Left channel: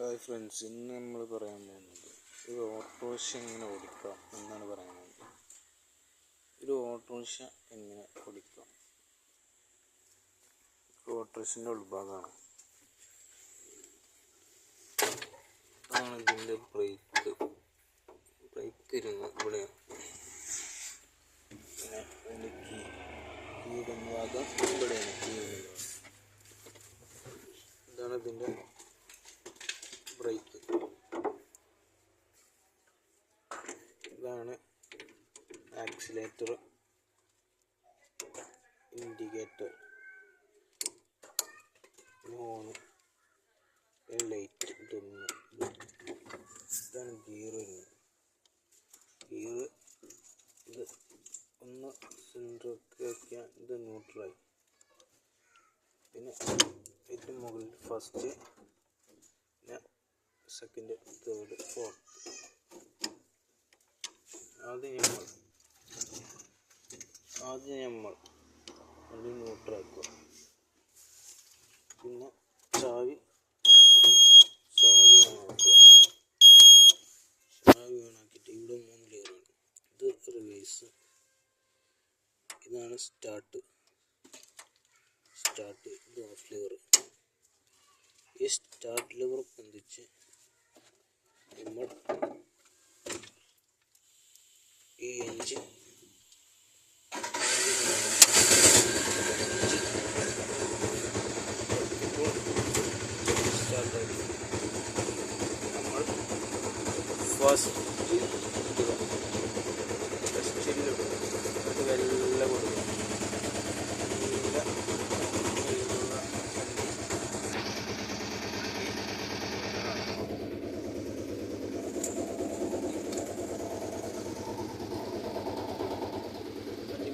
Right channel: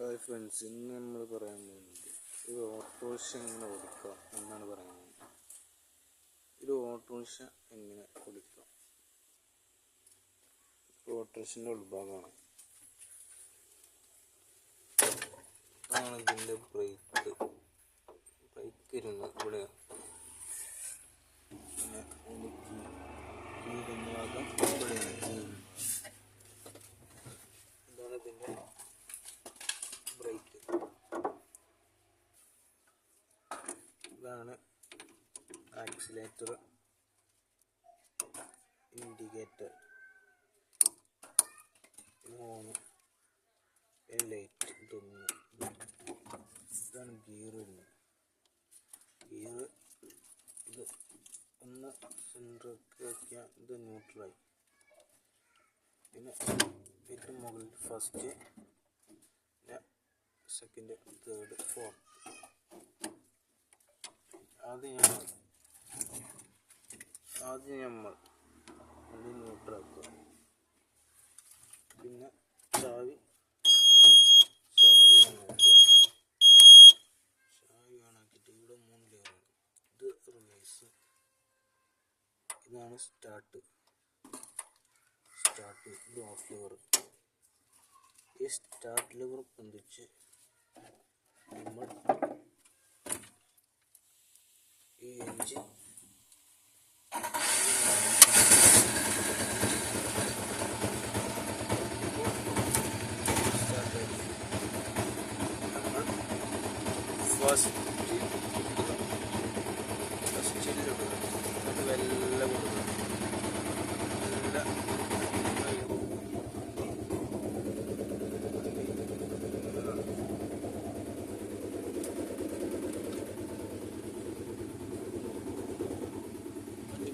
Hi friends, ഇന്ന് നമ്മൾ പറയാൻ പോകുന്നത് ഒരു ഓട്ടോറിക്ഷ എങ്ങനെ ഓടിക്കാം എന്നാണ് പറയാൻ പോകുന്നത്. ഒരു ഓട്ടോറിക്ഷ എങ്ങനെ ഓടിക്കാം. ഓട്ടോറിക്ഷൻ്റെ ഉൾഭാഗമാണ്. ഇതാണ് ഇതിൻ്റെ ബ്രേക്ക് ഇരുന്ന് ഇവിടെയാണ്. പിന്നെ അതിൻ്റെ കീടുന്ന ഭാഗം ഇവിടെയാണ്. ഇതാണ് ഇതിൻ്റെ ബ്രേക്ക്. ഇതാണ് ആക്സിലേറ്റർ, ഇൻഡിക്കേറ്റർ, ഹോണ്, ലൈറ്റ്. ഇതാണ് ഗിയർ വരുന്നത്. ഇത് ഒന്ന് സെൻറ്ററിലേക്ക് ആക്കിയാൽ ഇത് ന്യൂട്രലായി. പിന്നെ ഏറ്റവും മുകളിൽ ഫസ്റ്റ്, പിന്നെ സെക്കൻഡ്, തേർഡ്, ഫോർത്ത്. ആദ്യം നമ്മൾ അത് ന്യൂട്രലാക്കുക. പിന്നെ ചാവി ഓണാക്കുക. ചാവി ഓണാക്കിയിട്ട് ഇവിടെ 3 ലെയറാണ്. ഇത് റിവേഴ്സ്, ഇതാണ് സ്റ്റാർട്ട്, ഇത് ഓഫ് ലെവർ. ഈ സ്റ്റാർട്ട് ലെവർ പൊന്തിച്ച് നമ്മൾ ഈ എൻജിൻ സ്റ്റാർട്ടായി. നമ്മൾ ഫസ്റ്റിലിടുക, അത് വെല്ല കൊടുക്കുക. നല്ല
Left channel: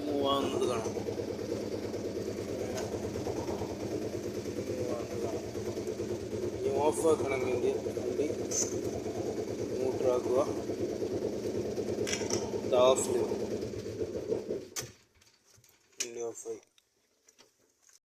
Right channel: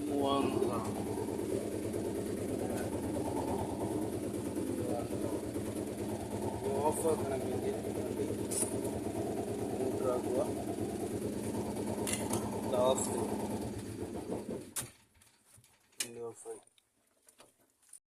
മൂവാകുന്നത് കാണാം. ഓഫ് ആക്കണമെങ്കിൽ വണ്ടി ന്യൂട്രാക്കുക. ഓഫ്